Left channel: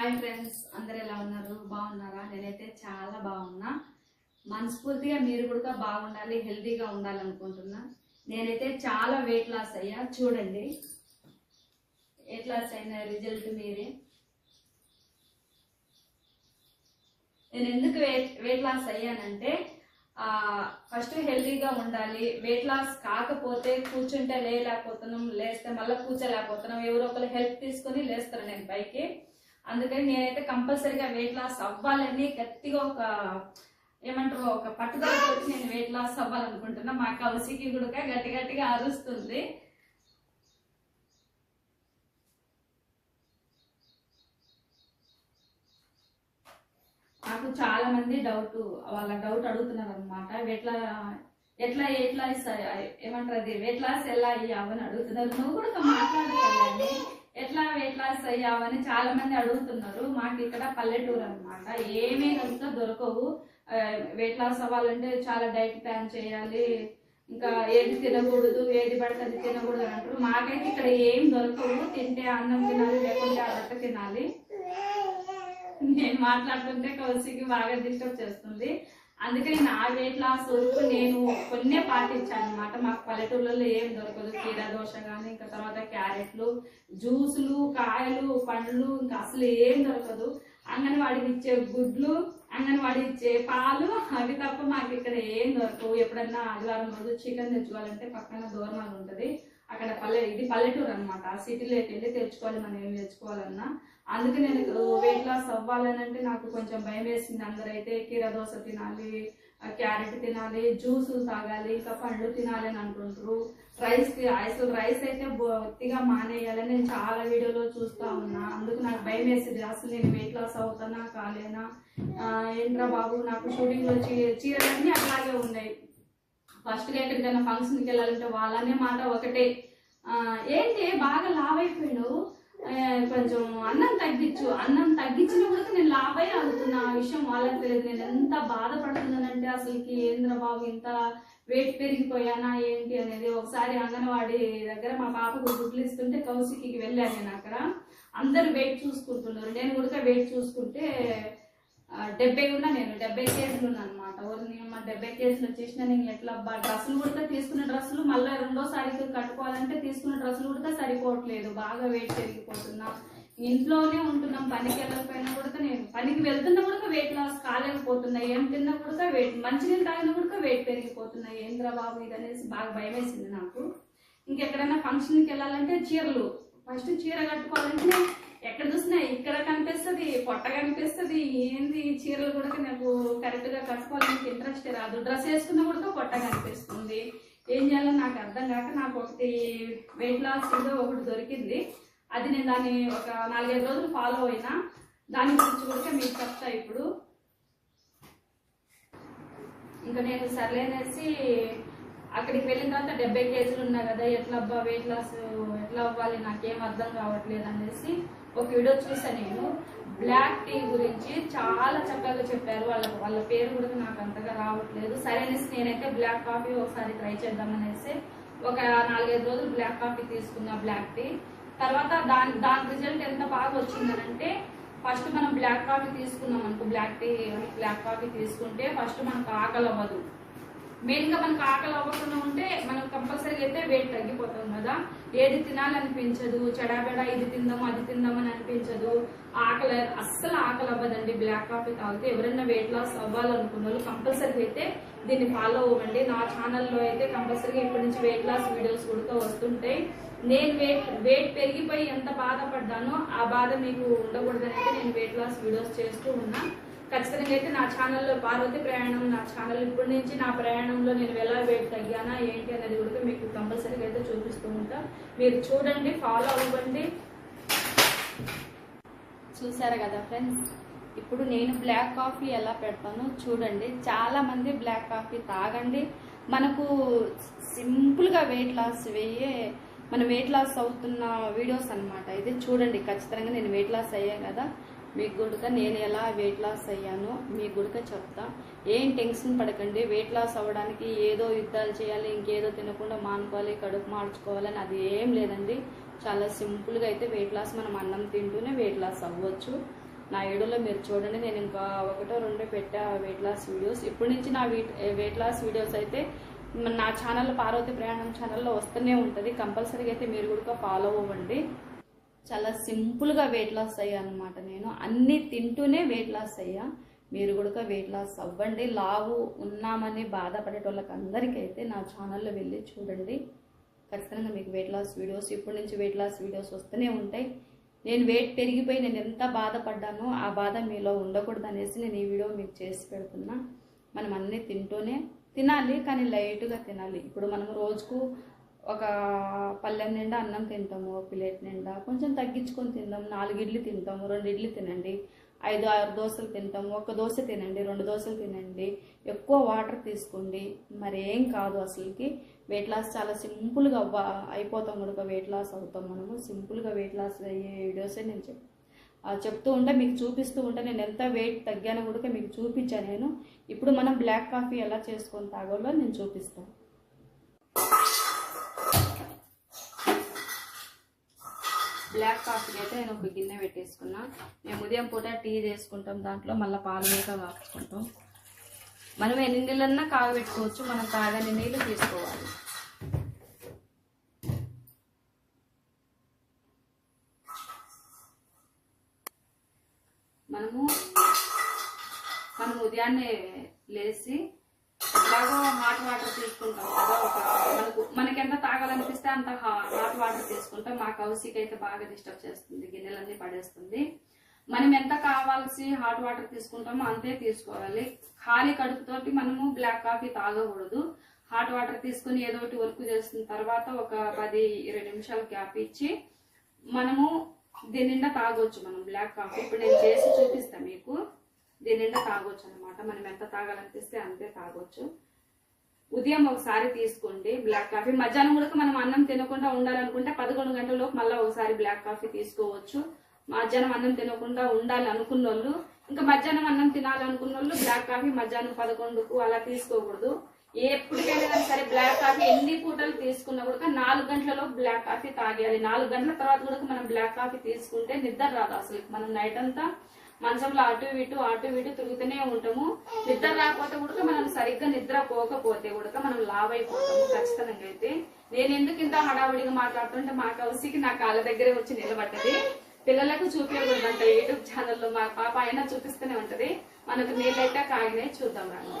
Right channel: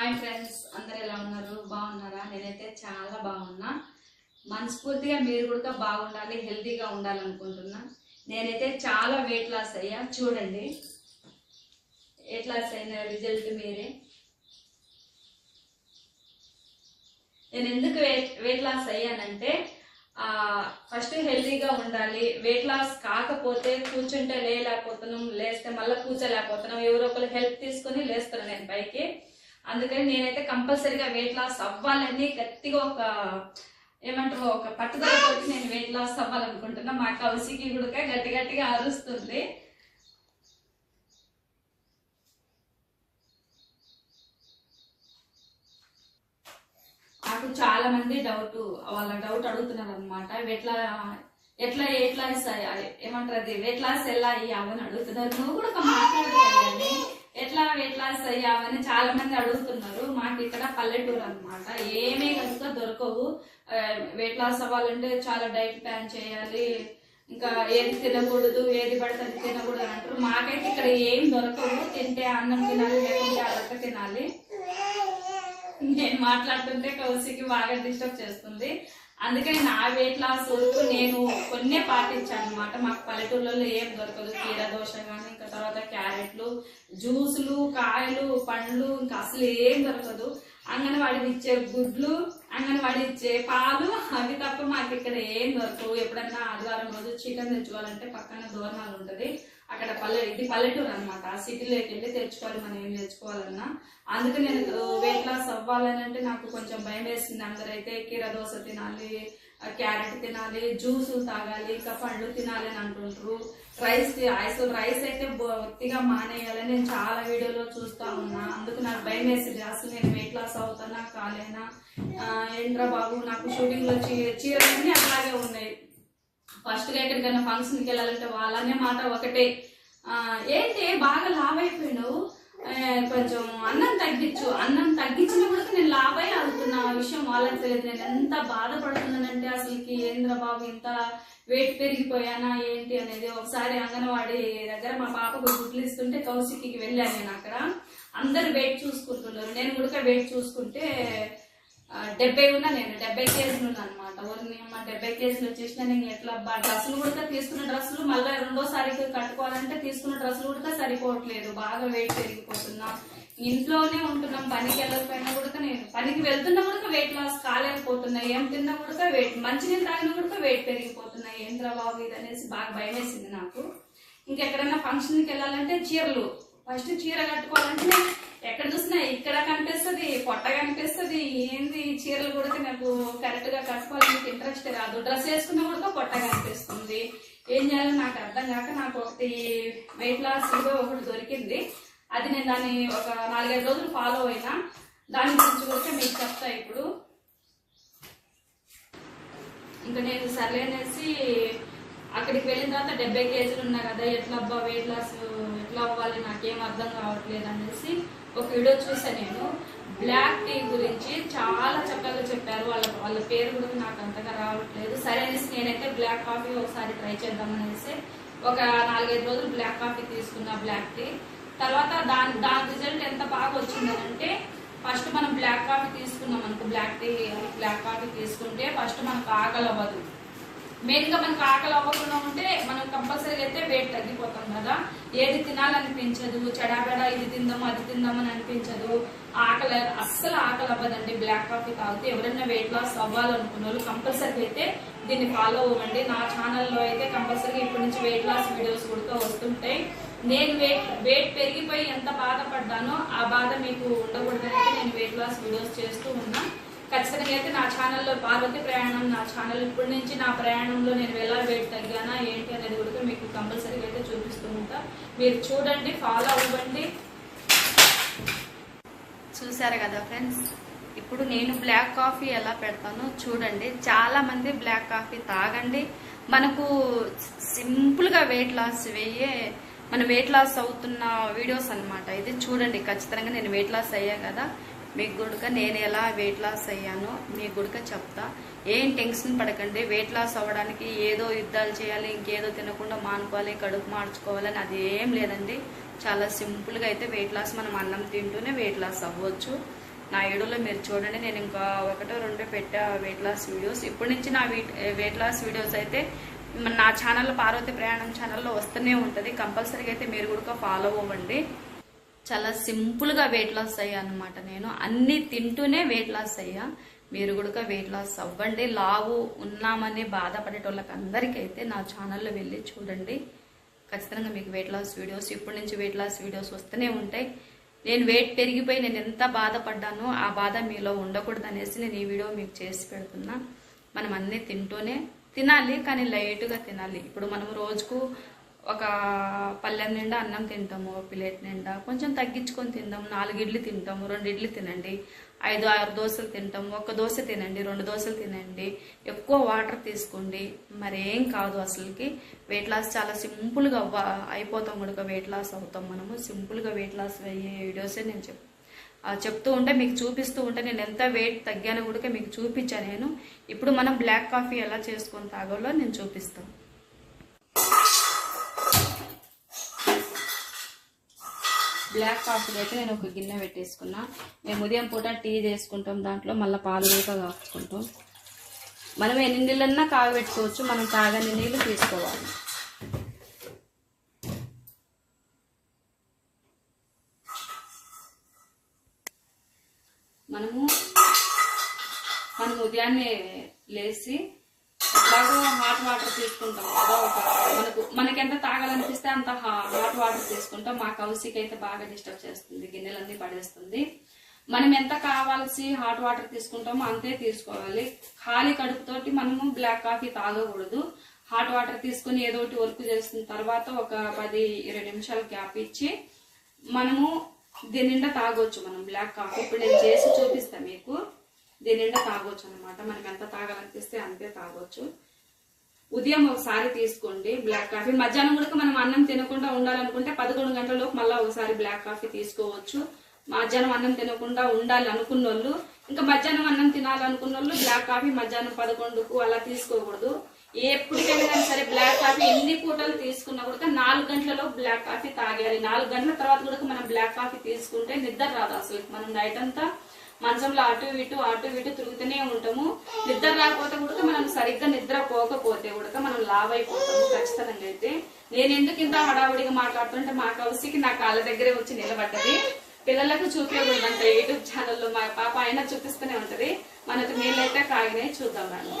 Hi friends అందరు ఎలా ఉన్నారు? బాగున్నారా? నేనైతే చాలా బాగున్నా. మనస్ఫూర్తిగా మీరు కూడా బాగుండాలి హెల్తీగా ఉండాలనుకుంటున్నా. నేనైతే చాలా వెయిట్ లాస్ అయ్యా. చూడండి. వెయిట్ లాస్ అయిన రిజల్ట్ మీరే. నేను ఎందుకు వెయిట్ వెయిట్ లాస్ అయ్యానంటే ఫస్ట్ హెల్తీగా ఉండాలి. వెయిట్ లాస్ కాకపోతే కూర్చుంటే లేకపోతున్నాం లేస్తే మళ్ళీ కూర్చోలేకపోతున్నాం. ఎవరో ఒకరు హెల్ప్ తీసుకొని లేస్తాను నేను పైకి. అందుకని నేనైతే కంపల్సరీగా వెయిట్ లాస్ అవ్వాలని గట్టిగా ఒక ఏమంటారు ఒక పట్టుదలతోటి నేను వెయిట్ లాస్ అవ్వాలనుకుంటున్నా. మా కౌసికి కూడా గట్టి గట్టిగా అరుస్తుంది. నాకు చాలా మంది డౌట్ వాళ్ళ డౌట్ అడుగుతున్నారు అనమాట ఎట్లా ఎట్లా ఎట్లా ఏమంటారు అది? వెయిట్ లాస్ ఎలా అయ్యావని అడుగుతున్నారు. నువ్వు కూడా ఒక ఎట్లా వెయిట్ లాస్ అయ్యావని చాలా మంది అడుగుతున్నారు. మాకు ఇక్కడ పల్లెటూరు అనమాట ఏమీ కనుక దొరకవు. వెయిట్ లాస్ అవ్వాలంటే చాలా డైట్ ప్లాన్ చేయాలి. ఇంకా ఏది తినకూడదు ఏది పడితే అది తినకూడదు అంటారు. మాకైతే ఇక్కడ ఏం దొరకవు. తింటే అన్నం తినాలి లేకుంటే అదొక్క తినాలి. నేను మాట్లాడుతుంటే కౌశికి బాగా డిస్టర్బ్ చేస్తుంది. అందుకని నా వెయిట్ లాస్ వరకు నేను కొన్నే పాటించాను అనమాట మాకు పల్లెటూళ్ళలో ఏం దొరకదు. కీర దోశ కానీ ఇంకా తర్వాత క్యారెట్లు జ్యూసులు కాయలు పండ్లు ఇంకా అసలు ఏం దొరకదు. అంగన్వాడికి ఇచ్చే గుడ్లు అంగన్వాడి ఇచ్చే పాలు అవి తప్ప మాకు ఇక్కడ ఏం దొరకవు. ఎప్పుడన్నా ఆదివారం రోజు చికెన్ తెచ్చుకోవాలంటే పక్కన దూరణాలు ఉంటుంది. అక్కడ పల్లె ఇది పల్లెటూరు అనమాట సిటీలోకి వెళ్ళి తెచ్చుకోవాలి మనం ఏం తెచ్చుకోవాలన్నా. అందుకే నేను వెయిట్ లాస్ అవ్వాలని అంటే నాకు కొంచెం భయం వేసింది అందరైతే కీర దోశ తినాలి క్యారెట్ తినాలి జ్యూసులు తాగాలి ఇంకా పండ్లు తినాలి అని అంటుంటారు రైస్ అసలు రైస్ అయితే బొత్తిగా మానేయాలని నేను చాలా వీడియోలో చూస్తా ఉన్నా. అందుకు నాకు భయం వేసింది అసలు నేను వెయిట్ లాస్ అవుతానా కాలేనా? ఏంట్రా బాబు నాకు షూటింగ్లో చీ చీరలన్నీ అట్లాగే ఉన్నాయి. ఫస్ట్గా ఎక్కడికైనా ఫంక్షన్కి వెళ్ళాలంటే వాళ్ళనే మాట ఒకటే. ఏంటి? బాగా లావ్ అయిపోయాడు కొంచెం అన్నం తగ్గించు. అన్నం తగ్గించిన కూడా నేను లాభై అవుతున్న. విషయం వాళ్ళకి తెలియదు. నేను ఎంత బాధపడుతున్నానంటే అసలుకి ఏంద్ర బాబు ఇంత వెయిట్ పెరిగిపోయానా ఏంటి అనేది ఒకసారి అంగన్వాడీ దగ్గర మా పాపకు గుడ్లు ఇస్తుంటే కౌశికి వెళ్ళాను నేను అక్కడ. అందరు వెయిట్ చూసుకుంటున్నారు. నేను కూడా వెయిట్ చూసుకుంటే డెబ్బై ఉన్నా నేను డెబ్బై కేజీలు ఉన్నా అనమాట మా డెబ్బై కేజీలు వచ్చేసిన నేను ఎట్లా డ్రెస్సులు కూడా తీసుకున్న డ్రెస్సులు మళ్ళీ రెండోసారి కట్టుకోవాలంటే తీసుకున్న డ్రెస్సులు కూడా సరిపోవట్లేదు. బాగా వెయిట్ పెరిగిపోతున్నా. ఇంట్లోనే ఉంటున్నాం పనికి వెళ్ళకపోయినా కూడా నేను పనికి వెళ్తున్నా కూడా వెయిట్ లాస్ కాలేకపోతున్నా. ఏం తిన్నా కూడా వెయిట్ మంచినీళ్ళు తాగినా కూడా వెయిట్ పెరిగిపోతున్నాయి ఏంద్రా బాబు ఇది అనేసి బాగా భయం వేసింది నాకు. ఇంకెక్కడైనా ఫంక్షన్కి వెళ్ళాలంటే చీరలు. ఫస్ట్ చీర కట్టుకోవాలంటే ఎక్కడ చూసినా ఇక్కడ కనిపిస్తుంది పొట్ట కనిపిస్తుంది ఏంది చీరలు కూడా నాకు కరెక్ట్గా కట్టుకోవాలని ఇంట్రెస్ట్ రాదు. డ్రెస్ వేసుకున్న కూడా పొట్ట కనిపిస్తుంది. ఏం చేయాలో నాకు అర్థం కాక నాకు ఒకటి వెయిట్ లాస్ ఒకటి దొరికింది. అది నేను దాన్ని ఒక నాలుగైదు రోజులు ఫాలో అయినా దాని గురించి కూడా మీకు చెప్తా ఇప్పుడు. ఇంకా నేను సర్లేనేసి అక్కడికి వెళ్ళిన తర్వాత డెబ్బై కేజీలు ఉన్నాయి కదా ఎట్లా అబ్బా వెయిట్ లాస్ ఎట్లా అవ్వాలి నాకేం అర్థం కావట్లేదు అనేసి ఒక వీడియో చూసాను నేను. బ్లాక్ టీ గురించి చాలా చక్కగా చెప్పారు. వాళ్ళ వాళ్ళ పేరు కూడా నాకు అంతగా రావట్లేదు. సరే అనేసి నేనైతే బ్లాక్ కాఫీ ఒకసారి ట్రై చేద్దామనేసి ఒక నాలుగైదు రోజులు బ్లాక్ కాఫీ తీసుకున్నా బ్లాక్ టీ తర్వాత దాని దాని రిజల్ట్ ఎంత బాగా వచ్చిందనంటే ఫస్ట్ మనం బ్లాక్ కాఫీ తీసుకున్నాం అనుకో బ్లాక్ టీ బ్లాక్ కాఫీ తీసుకుంటే ఫస్ట్ మనకు ఆకలి అవ్వదు మెయిన్గా మనకు ఆకలి అవ్వకుండా ఉంటే మనం కంపల్సరీగా అయితే వెయిట్ తగ్గిపోతాం కదా. ఏది తినాలనిపించదు చెడాబెడా ఇది తిందాము అది తిందామని అనిపించదు. ఆకలి అస్సలు ఆకలి అవ్వదండి. బ్లాక్ కాఫీ తాగితే ఎవరైనా వెయిట్ లాస్ అవ్వాలనుకున్న వాళ్ళు కంపల్సరీగా అయితే దీన్ని ఫాలో అవ్వండి. నా ఛానల్లో అయితే కంపల్సరీగా ఇప్పటి నుంచి వెయిట్ లాస్ వీడియోస్ కూడా వస్తుంటాయి నేను వెయిట్ వెయిట్ పెరిగిపోయి ఎంత బాధపడ్డానో ఆ బాధ మీకు ఉండకూడదంటే నేను వెయిట్ లాస్ వీడియోస్ చేస్తూ ఉన్నా. ఖచ్చితంగా అయితే నా ఛానల్లో పార్వతి ప్రయాణం నా ఛానల్ ఇప్పటి నుంచి నా ప్రయాణంలో నేను ఎలా వెయిట్ తగ్గానా ఏంటి అనేది కూడా మీకు కంపల్సరీగా అయితే చూపిస్తూ ఉంటా. మీరు చూడండి ఫాలో అవ్వండి. చూసారు కదా ఫ్రెండ్స్? ఇప్పుడు నేను బ్లాక్ కాఫీ ఎలా పెడతానో చూడండి. చాలా మంది బ్లాక్ కాఫీ తాగండి. మనకు సింపుల్గా వెయిట్ లాస్ వేయే మన వెయిట్ లాస్ అవుతున్న వీడియోస్ అనమాట ఇది చూడండి ఖచ్చితంగా నేను వెయిట్ లాస్ అయ్యా కదా. మీకు గుడక నేను ఎలా వెయిట్ లాస్ అయ్యానో మీకు గుడక చెప్తా. ఏం టెన్షన్ పడకండి. వెయిట్ లాస్ అవ్వడానికి ఏదో యుద్ధాలు చేయాలి ఇంకేదో తినకుండా మానుకోవాలి కడుపు మార్చుకోవాలని అది ఏం లేదండి. చాలా సింపుల్గా అయితే వెయిట్ లాస్ మనం అన్నం తింటూనే వెయిట్ లాస్ అవ్వచ్చు. నా వీడియోలో మీరు చూడండి. నేను ఇంకా ఒకటో రెండో పెట్టా వెయిట్ లాస్ వీడియోస్ ఇప్పటి నుంచి నా వెయిట్ వెయిట్ లాస్ వీడియోస్ అయితే నా ఛానల్లో పార్వతి ప్రయాణం ఛానల్లో వస్తూనే ఉంటుంది. కంపల్సరీగా అయితే మీరు కూడా ఫాలో అవ్వండి. చాలా సింపుల్గా వెయిట్ లాస్ అయ్యా అనమాట నేను. అన్నీ తింటూనే వెయిట్ లాస్ అయ్యా. మీరు కూడా వెయిట్ లాస్ అవ్వండి. లావు ఉన్నామని బాధపడేటోళ్ళకి అందరికైతే నా ఛానల్లో వెళ్ళి చూడండి. ఖచ్చితంగా మీకు వెయిట్ లాస్ వీడియోస్ ఇప్పటి నుంచి వెయిట్ లాస్ వీడియోస్ వస్తూనే ఉంటాయి. నేను వెయిట్ పెరిగిపోయి నేను ఎంత బాధపడ్డానో ఆ బాధ మీలో ఉండకూడదు అనేసి నేను ఈ వీడియో మీకు చేసి పెడుతున్నా. మనం అన్నీ తింటూనే తినాలి కానీ లైట్గా తినాలి. ఇప్పుడు మనం రోజుకు ఒక పళ్ళెం నిండా అన్నం తింటాము ఒక ప్లేట్ నిండా. కొంచెం తగ్గించుకొని తిందాము నాలుగు ఇడ్లీ తింటాము రెండు ఇడ్లీ తినండి. ఐదు ఆరు దోశలు తింటాము ఒక దోశ తినండి రెండు దోశలు తినండి. ఎక్కువ వాటర్ తీసుకోండి. మరి ఏం కాదు అసలుకి. వెయిట్ లాస్ చాలా సింపుల్గా అవ్వ అయిపోతాం కూడా వెయిట్ లాస్ అవుతాం మనము. సింపుల్గా వెయిట్ లాస్ అయ్యే వీడియోసే నేను చెప్ చెప్తూ ఉంటే మీకు చూపిస్తూ ఉంటే నేను ఎంత వెయిట్ తగ్గానో కూడా మీకు చూపించాను నేను. ఇప్పుడు మనం బ్లాక్ కాఫీ ఎలా చేసుకొని తాగాలో నేను చూపిస్తాను బ్లాక్ కాఫీ అయితే నేను ఒక గిన్నె పెట్టేసుకున్నా. మేము ఉదయం పూట టీ చేసుకుంటాం దాంట్లో మళ్ళీ పాలు కూడా కాచుకుంటాం. మనం ఎన్ని నీళ్ళన్నా కాగబెట్టుకోవచ్చు మనం తాగని నీళ్ళు తీసుకోవాలి. మనము మనం ఉదయాన్నే లేచి ఎట్లాగో హాట్ వాటర్ తీసుకుంటాం కదా ఒక మనకు మనకి ఎంత తాగాలనిపిస్తే అంత హాట్ వాటర్ మా కౌశిక్ అయితే బాగా డిస్టర్బ్ చేస్తుంది. గిన్నెలన్నీ పడేస్తుంది. మనం ఎంత కావాల్సి హాట్ వాటర్ తీసుకుంటామో అంతే తీసుకోవాలి. ఖాళీ కడుపుతోటి మనము బ్లాక్ కాఫీ తాగకూడదు. హాట్ వాటర్ తీసుకుని ఏదో ఒకటి వర్క్ చేసిన తర్వాత ఒక పది ఇరవై నిమిషాలు గ్యాప్ ఇచ్చి మనము దీని నిండా తాగొచ్చు మనం బ్లాక్ కాఫీ. ఇప్పుడు నేను చేసి చూపిస్తాను మీకు. దీని నిండా తాగొచ్చు అనమాట మనం ఎంత తాగాలనిపిస్తే అంతే తాగొచ్చు. ఉదయం ఒకసారి తీసుకోండి బ్లాక్ కాఫీ మధ్యాహ్నం కూడా మనం అన్నం తినకుండా ఉండాలనుకుంటే పదకొండు గంటలలోపు మళ్ళీ ఒకసారి బ్లాక్ కాఫీ తీసుకోవచ్చు. మధ్యాహ్నం అన్నం తినకుండా ఉండాలి అనుకున్న వాళ్ళు ఇంకా మధ్యాహ్నం అన్నం తినాలనుకున్న వాళ్ళు బ్లాక్ కాఫీ మధ్యాహ్నం పదకొండుకు అలా తీసుకోకూడదు. ఎప్పటికైనా కానీ సరే బ్లాక్ కాఫీ ఎన్ని పూటలు తీసుకున్నా కూడా నాలుగు గంటలలో బ్లాక్ కాఫీ తాగాలి నాలుగు గంటల తర్వాత కూడా మనం బ్లాక్ కాఫీ తీసుకుంటే నిద్ర రాదు అసలు. మనం నైట్ అంతా మంచంలో అటు ఇటు అటు ఇటు తిరుగుతూనే ఉంటాము. నిద్ర రాకపోతే కూడా మనం సరిగ్గా నిద్ర పోకపోతే కూడా మనం లావ్ అయిపోతాము ఖచ్చితంగా అయితే. నేను ఎందుకు ఇంత హడావుడిగా మాట్లాడుతుంటే మా కౌసికి నా కాళ్ళ దగ్గరే వచ్చి నిలబడ్డది. పిల్లలకు చూపించకూడదంట యూట్యూబ్ ఛానల్లో మా పాప అయినా చూపిస్తూనే ఉంటది. మనకు నీళ్ళైతే కాగినాయి చూద్దాం మేము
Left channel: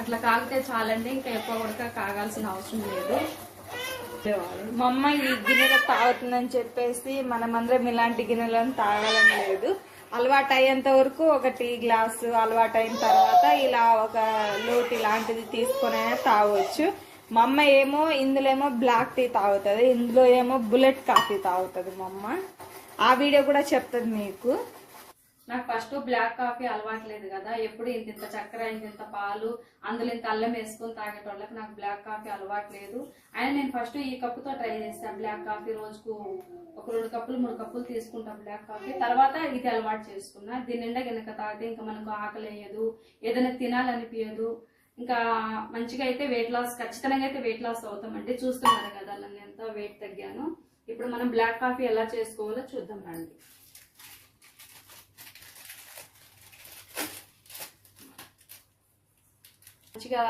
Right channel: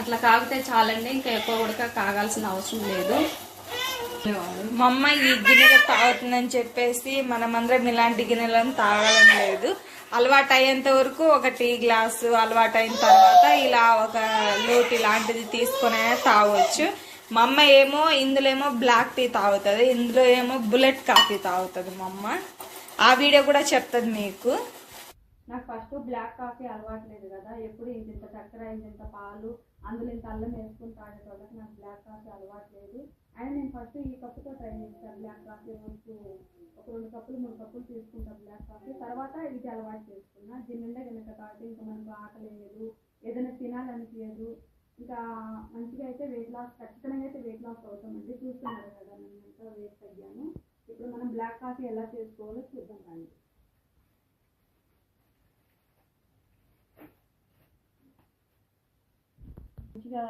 అట్లా కాగితే చాలండి ఇంకా ఎక్కువ ఉడక కాగాల్సిన అవసరం లేదు. మా అమ్మ ఈ గిన్నెలో తాగుతుందని చెప్పేసి మనమందరం ఇలాంటి గిన్నెలను తాగాలని లేదు. అలవాటు అయ్యేంత వరకు ఒక టీ గ్లాసు అలవాటు అయిన తర్వాత ఇలా ఒక లోటు ఇలాంటిది తీసుకొని అయినా తాగొచ్చు. మా అమ్మ ఏమో ఇందులో ఏమో బ్లాక్ టీ తాగుతుంది ఇందులో ఏమో బుల్లెట్ కాఫీ తాగుతుంది మా అమ్మ. ఆ వీడియో కూడా చెప్తుంది మీకు. నాకు ఫస్ట్ బ్లాక్ కాఫీ అలవాట్లేదు కదా. ఎప్పుడు ఇంత ఇంత చక్కెర ఇంత ఇంత పాలు అందులో ఇంత అల్లం వేసుకొని తాగేటోళ్ళకి నాకు బ్లాక్ కాఫీ అలవాట్లేదు అయినా నేను ఫస్ట్ ఈ కప్పుతో ట్రై చేస్తాను బ్లాక్ కాఫీ రోజుకు ఒక రెండు కప్పులు మూడు కప్పులు తీసుకుంటాం బ్లాక్ కాఫీ తర్వాత ఇది అలవాటు చేసుకున్నా. దీని నిండా కనుక తాగితే ఇంకా మనకు ఆకలి వేయదు ఏదైనా తినాలనిపించదు ఇంకా మంచిగా అయితే వెయిట్ లాస్ ఖచ్చితంగా అయితే వెయిట్ లాస్ అవుతామండి. చూస్తున్నారు కదా నన్ను ఎంత వెయిట్ తగ్గాను. ఇప్పుడు మనం బ్లాక్ కాఫీ ఎలా చేసుకోవాలో చూద్దాం రండి. మంచిగా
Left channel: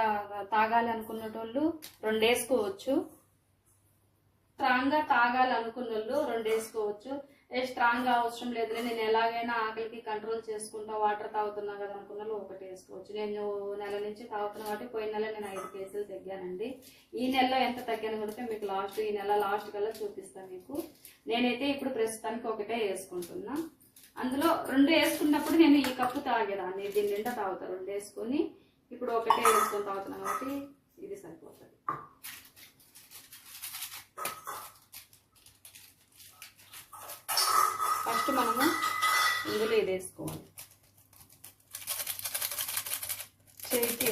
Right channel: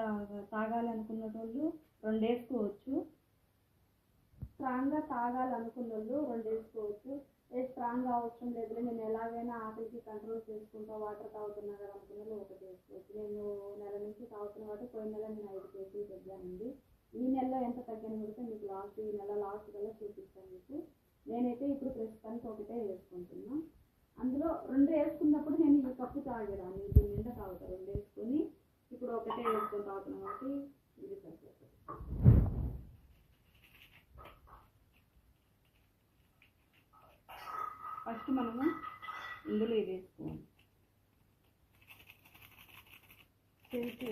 తాగాలి అనుకున్నటోళ్ళు రెండు వేసుకోవచ్చు స్ట్రాంగ్గా తాగాలి అనుకున్న వాళ్ళు రెండు వేసుకోవచ్చు ఏ స్ట్రాంగ్గా అవసరం లేదులే నేను ఎలాగైనా ఆకలికి కంట్రోల్ చేసుకుంటా వాటర్ తాగుతున్నా కదా అనుకున్న వాళ్ళు ఒకటి వేసుకోవచ్చు నేను నెల నుంచి తాగుతున్నా కాబట్టి పోయిన నెల నేను ఐదు కేజీలు తగ్గానండి. ఈ నెలలో ఎంత తగ్గాను కూడా మీకు లాస్ట్ ఈ నెల లాస్ట్ కల్లా చూపిస్తాను మీకు. నేనైతే ఇప్పుడు ప్రస్తుతానికి ఒకటే వేసుకుంటున్నా. అందులో రెండు వేసుకున్నప్పుడు నేను ఈ కప్పు తాగేదాన్ని దీని నిండా తాగుతా రెండు వేసుకొని ఇప్పుడు ఒకటే వేసుకొని తాగుతున్నాం కాబట్టి ఇది సరిపోతుంది. ఫస్ట్ మనము ఇందులో ఇది వేసుకోవాలి. చేతి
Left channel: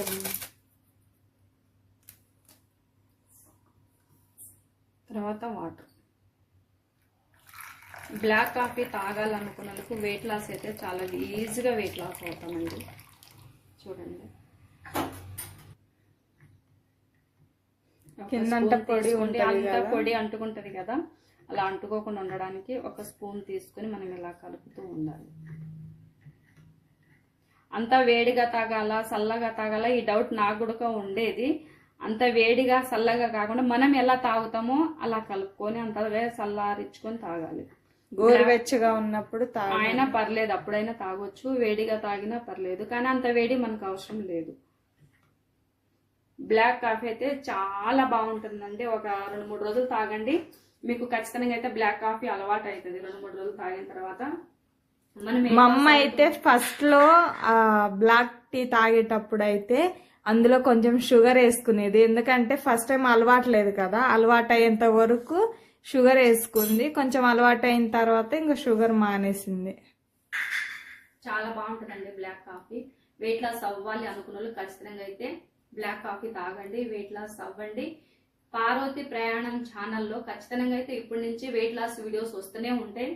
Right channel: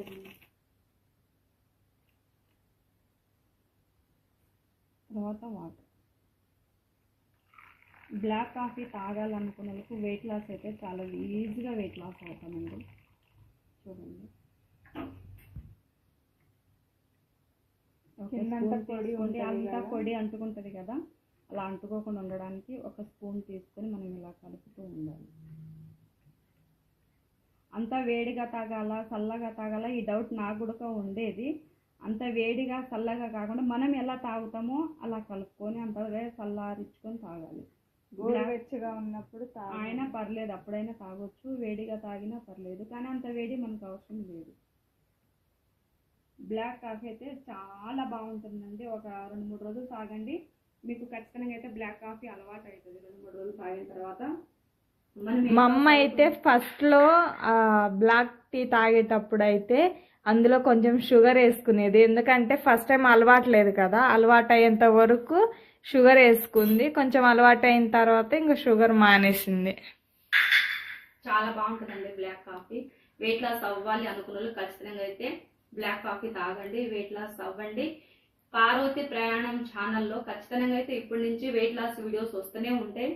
తర్వాత వాటర్. బ్లాక్ కాఫీ తాగాలనుకున్న వాళ్ళకు వెయిట్ లాస్ అయితే చాలా ఈజీగా వెయిట్ లాస్ అవుతామండి. చూడండి. కిందంతా పొడి. ఉంటది అంతా. పొడి అంటుకుంటది కదా. అలా అంటుకోకుండా ఉండడానికి ఒక స్పూన్ తీసుకొని మనం ఇలా కలుపుతూ ఉండాలి. అంత వేడిగా తాగాల చల్లగా తాగాల ఈ డౌట్ నాకు కూడా ఉండేది. అంత వేడిగా చల్లగా కాకుండా మనం ఎలా తాగుతామో అలా కలుపుకొని అంతగా చల్లారించుకొని తాగాలి. గోరువెచ్చగా ఉన్నప్పుడు ఆయన పర్లేదు అప్పుడైనా తాగొచ్చు. వేడిగా తాగినా పర్లేదు కానీ అంత వేడి మనకు అవసరం లేదు. బ్లాక్ కాఫీ అయితే చాలా బాగుంటుందండి. ఒక రెండు మూడు రోజులు తాగండి. మీకు ఖచ్చితంగా అయితే బ్లాక్ కాఫీ అలవాటు అవుతుంది రెండు మూడు రోజులు తాగిన తర్వాత మా అమ్మ అయితే ఫస్ట్లో బ్లాక్ టీ తాగేటప్పుడు అయితే అందులో కొంచెం షుగర్ వేసుకునేది. ఎందుకంటే ఫస్ట్ టైం అలవాట్లేదు కదా. అలవాటు అయ్యేంత వరకు షుగర్ వేసుకుంది. కొంచెం అలవాటు అయిన తర్వాత ఇంకా షుగర్ మానేసింది. చాలా బాగుంటుందండి బ్లాక్ కాఫీ. వెయిట్ లాస్ అవ్వాలి అనుకున్న వాళ్ళు ఖచ్చితంగా అయితే బ్లాక్ కాఫీ తాగండి వెయిట్ లాస్ అవ్వండి. పార్వతి ప్రయాణం ఛానల్లో ఖచ్చితంగా అయితే ఇప్పటి నుంచి వెయిట్ లాస్ వీడియోస్ వస్తూనే ఉంటాయి.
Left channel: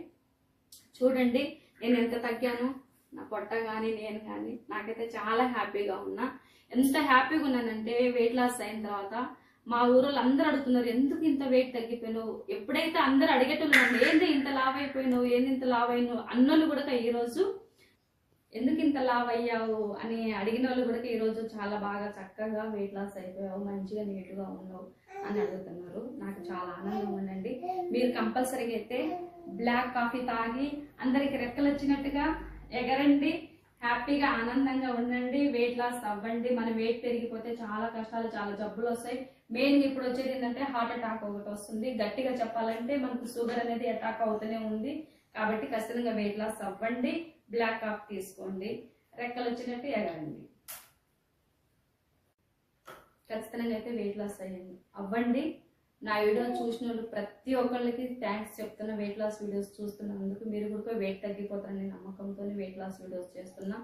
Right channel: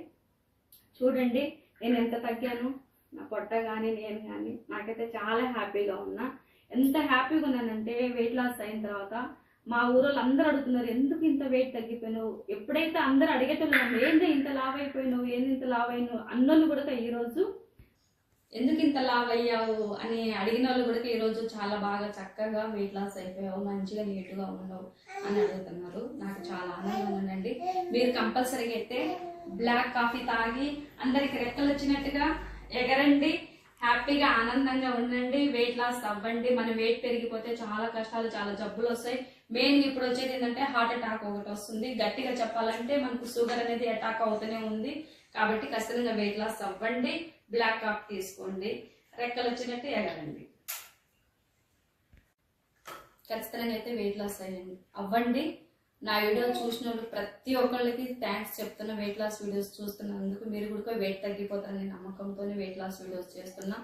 చూడండి నేను ఎంత తగ్గాను? నా పొట్ట కానీ నేను కానీ నాకైతే చాలా హ్యాపీగా ఉన్నా. ఎంత హ్యాపీగా ఉన్నానంటే వెయిట్ లాస్ అయిన తర్వాత మా ఊరోళ్ళు అందరూ అడుగుతున్నారు ఎందుకు ఇంత వెయిట్ తగ్గిపోయినావు? ఎప్పుడైతే అందరూ అడిగేటోళ్ళు ఏంది ఇంత లావ్ అయిపోయినావు? ఏంది ఇంత లావ్ అయినావు? అన్నోళ్ళు కూడా ఈరోజు ఎందుకు ఇంత లావ్ అయ్యావు అని అడిగిన వాళ్ళు కూడా ఈరోజు చాలా బాగా చక్కగా వెయిట్ లాస్ అయిపోయావు మంచిగా నీట్గా ఉన్నావు అని అడుగుతున్నారు. నాకు చాలా ఆనందంగా ఉందండి. మీరు కంపల్సరీగా అయితే బ్లాక్ కాఫీ తాగి అందరికి రెక్కలు వచ్చినట్టుగా ఎగరండి. హ్యాపీగా ఆనందంగా ఉండండి. వెయిట్ లాస్ అవ్వండి. మన వెయిట్ పెరిగిపోతే చాలా కష్టాలు చాలా జబ్బులు వస్తాయి. మెయిన్ ఇప్పుడు వచ్చేది ఏంటంటే హార్ట్ అటాక్ ఒకటి వస్తుంది. గట్టిగా చెప్పాలంటే మనకు షుగర్ అనేది అటాక్ అవుతూనే ఉంది. కాబట్టి ఖచ్చితంగా వెయిట్ లాస్ అవ్వండి. బ్లాక్ కాఫీ తీసుకోండి. రెక్కలు వచ్చినట్టు ఎగరండి. ఖచ్చితంగా అయితే వెయిట్ లాస్ అయ్యండి. అవ్వండి. నా వీడియో చూసిన ప్రతి ఒక్కళ్ళకి థ్యాంక్స్ చెప్తున్నా. వెయిట్ లాస్ వీడియోస్ చూస్తున్నందుకు మీరు కూడా వెయిట్ తగ్గిపోతారని నమ్మకంతో వెయిట్ లాస్ వీడియోస్ చేస్తున్నా.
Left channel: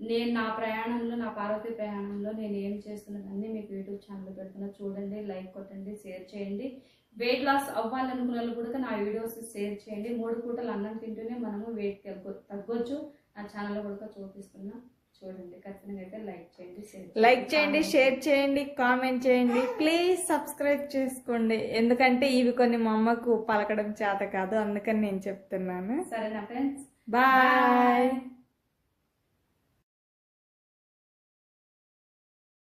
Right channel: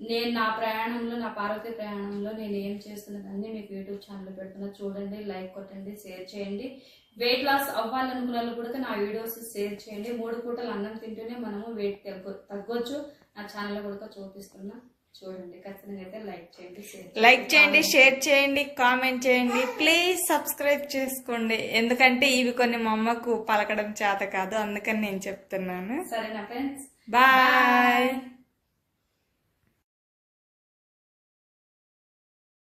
నేను నా ప్రయాణంలో నా పార్వతి ప్రయాణంలో నేను ఏం చేస్తున్నదాన్ని మీకు యూట్యూబ్ ఛానల్ పెడుతున్నా. చూడండి లైక్ కొట్టండి షేర్ చేయండి. వెయిట్ లాస్ అవ్వాలనుకున్న వాళ్ళు కూడా నా వీడియోస్ షేర్ చేయండి. మూడు పూటలు అన్నం తింటూనే మనము వెయిట్ తగ్గ తగ్గొచ్చు. నా ఛానల్లో కూడా చూపిస్తున్నా. చూడండి. ఖచ్చితంగా అయితే లైక్ చేయండి షేర్ లైక్ చేయండి షేర్ చేయండి. కామెంట్ చేయండి. ప్లీజ్ సబ్స్క్రైబ్ చేసుకోండి. ఎందుకంటే ఇవి కొన్ని మా అమ్మకు పలకడం చేత కాదు. అందుకని నేను చెప్తున్నాను. సరేనా ఫ్రెండ్స్ బాయ్